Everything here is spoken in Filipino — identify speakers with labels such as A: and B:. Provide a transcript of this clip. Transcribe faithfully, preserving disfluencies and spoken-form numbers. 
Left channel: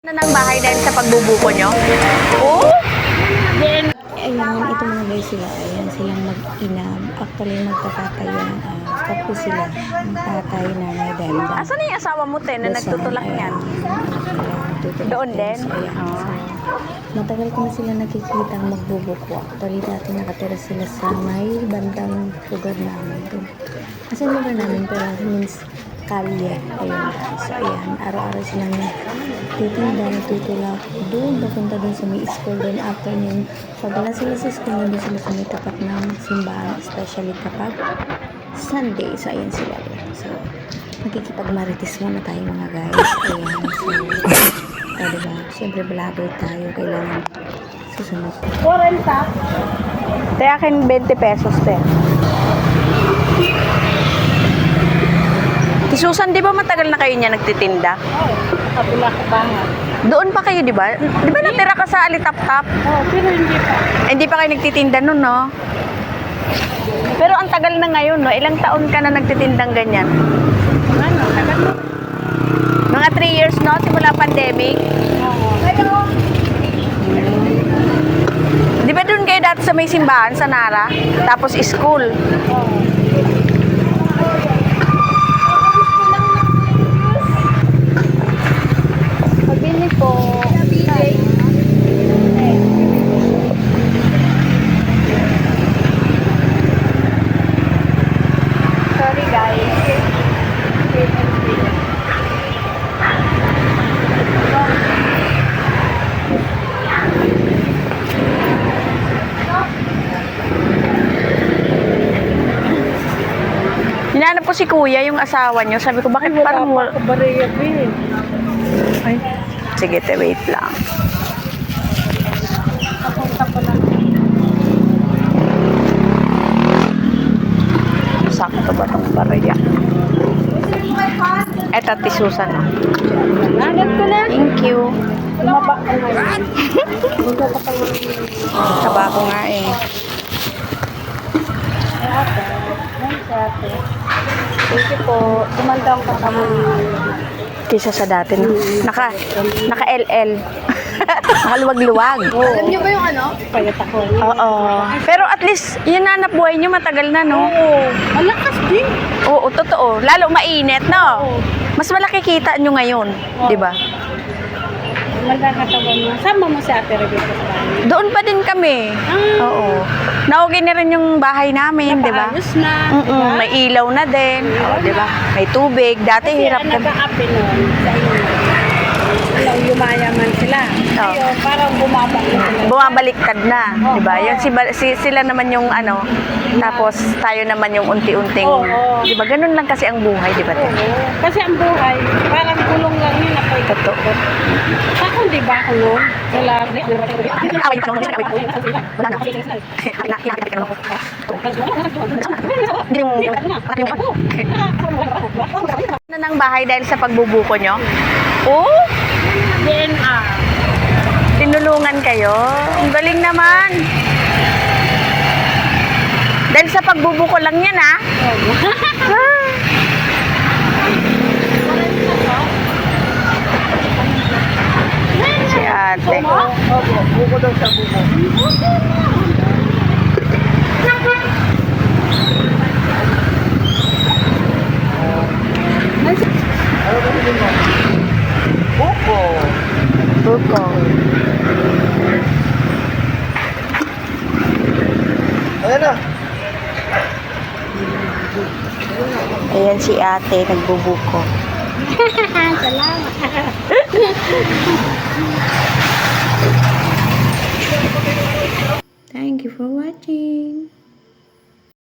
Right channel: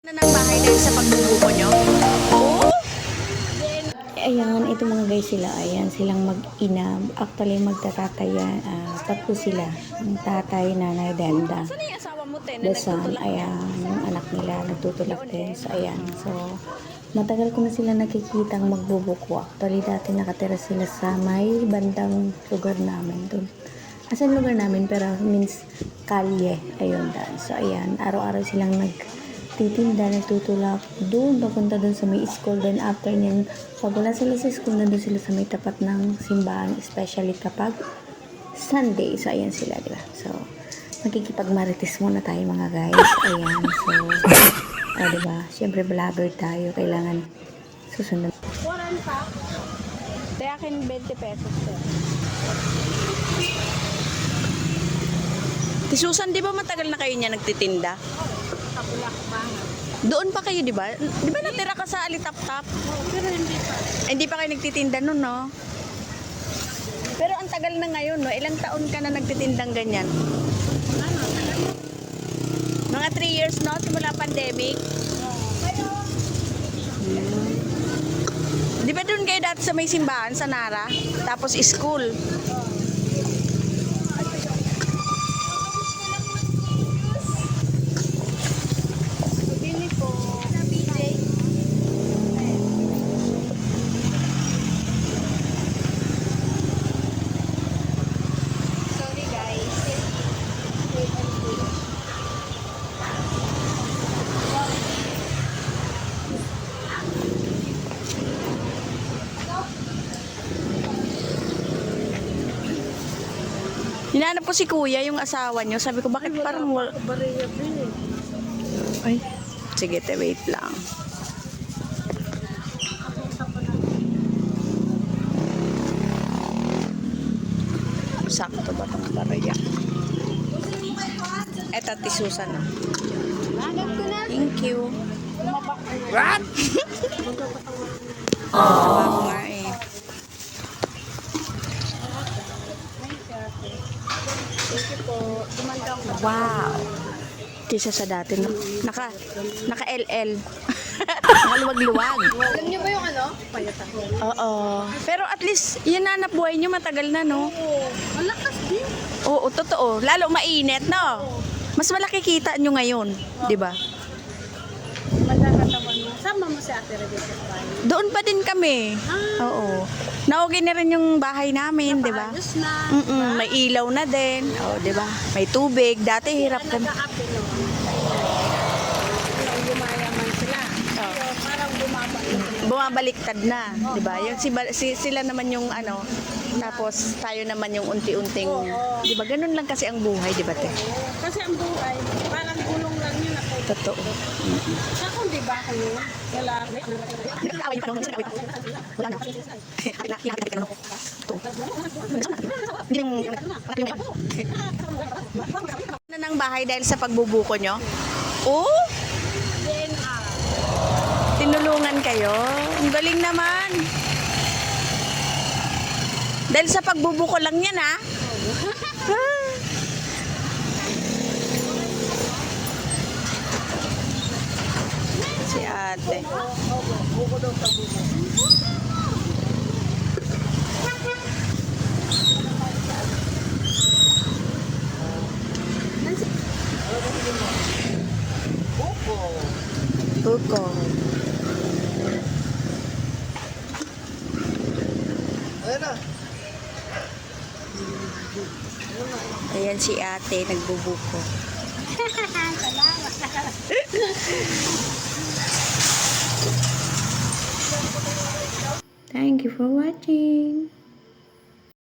A: Na ng bahay dahil sa pagbubuko nyo? Oh!
B: Ayan, ito mga guys sila. Ayan, silang mag-ina. Actually, magtatatay yan. Uh, tatlo sila. Ang tatay, nanay, denda.
A: Asan na yung asawa mo, te, na
B: Dasan,
A: nagtutulak
B: ayan,
A: yan?
B: yung anak nila, nagtutulak
A: Doon
B: din.
A: din?
B: So, ayan. So, matagal ko na sila nakikita ang magbubuko. Actually, dati nakatira sila sa may bandang lugar namin. Doon. Asan lugar namin, pero means kalye. Ayun, dahil. So, ayan, araw-araw silang nagtitinda, nagtutulak. Doon, papunta doon sa may school. Then, after nyan, pag wala sila sa school, nandun sila sa may tapat ng simbahan, especially kapag Sunday. So, ayan sila, diba? So, magkikipagmarites muna tayo mga guys. Ayan, so, oh, diba? Siyempre, vlogger tayo. Kailangan susunod.
A: forty. Te, akin twenty pesos, te. Susan, di ba matagal na kayo niya nagtitinda?
C: Oo, sa Bulak-Bangan.
A: Doon pa kayo, di ba? Di ba natira ka sa Alitap-Tap?
C: Oo, pero hindi pa.
A: Eh, hindi pa kayo nagtitinda nun, no? Pero ang tagal na ngayon, no? Ilang taon ka na nagtitindang ganyan?
C: Ano, tagal na.
A: Mga three years, no? Simula pandemic.
C: Oo.
A: Di ba doon kayo dati sa may simbahan, sa Nara? Tapos school.
C: Oo. Pabili po. Sorry guys.
A: Hinanap ko si kuya, yung asawa niyo. Sabi ko, bakit parang wala?
C: Wala pa bariya eh.
A: Ay, sige, te, wait lang.
C: Papunta pa lang.
A: Sakto ba itong barya? Eto, Ate Susan. Oh.
C: Nagat ko na.
A: Thank you.
C: Tumaba ko na. What?
A: Taba ko nga eh.
C: Ay, ate. Ay, si ate. Thank you po. Tumandang ka pa.
A: Wow. Kaysa sa dati, no? Naka, naka-L L. Nakaluwag-luwag.
C: Ganyan ba yung ano? Payat ako.
A: Oo. Pero at least, yun na nabuhay nyo matagal na, no?
C: Oo. Malakas din.
A: Oo, totoo. Lalo mainit, no?
C: Oo.
A: Mas malaki kita nyo ngayon,
C: Oo.
A: di ba?
C: Maganda katawan mo. Sama mo si ate Rebecca sa bahay.
A: Doon pa din kami.
C: Ah.
A: Oo. Naugin na rin yung bahay namin, di ba?
C: Napaayos na.
A: Mm-mm,
C: diba?
A: may ilaw na din. Oo, di ba? May tubig. Dati
C: Kasi
A: hirap
C: ang
A: kami.
C: nag-aapi nun sa inyo. Walang yumayaman sila.
A: Oo.
C: Ngayon, parang bumabak na sila.
A: Bumabaliktad na,
C: Oo.
A: di ba? Yun, si, si, sila naman yung ano, tapos tayo naman yung unti-unting,
C: Oo.
A: di ba? Ganun lang kasi ang buhay, di ba? Te?
C: Oo. Kasi ang buhay, parang kulong lang yun. Apoy.
A: Totoo.
C: Ako, di ba ako nun? Wala.
A: Away ka nung away ka. Wala na. Nakakita ka nung. Hindi mo, na ng bahay dahil sa pagbubuko nyo? Oh,
C: D N R.
A: tinulungan kayo. Ang galing naman. Dahil sa pagbubuko lang yan, ah. Ah. Si ate.
C: Opo, buko daw sa buko.
A: Buko. Buko.
D: Ayan na.
A: Ayan si ate, nagbubuko.
C: Salamat.
B: Thank you for watching.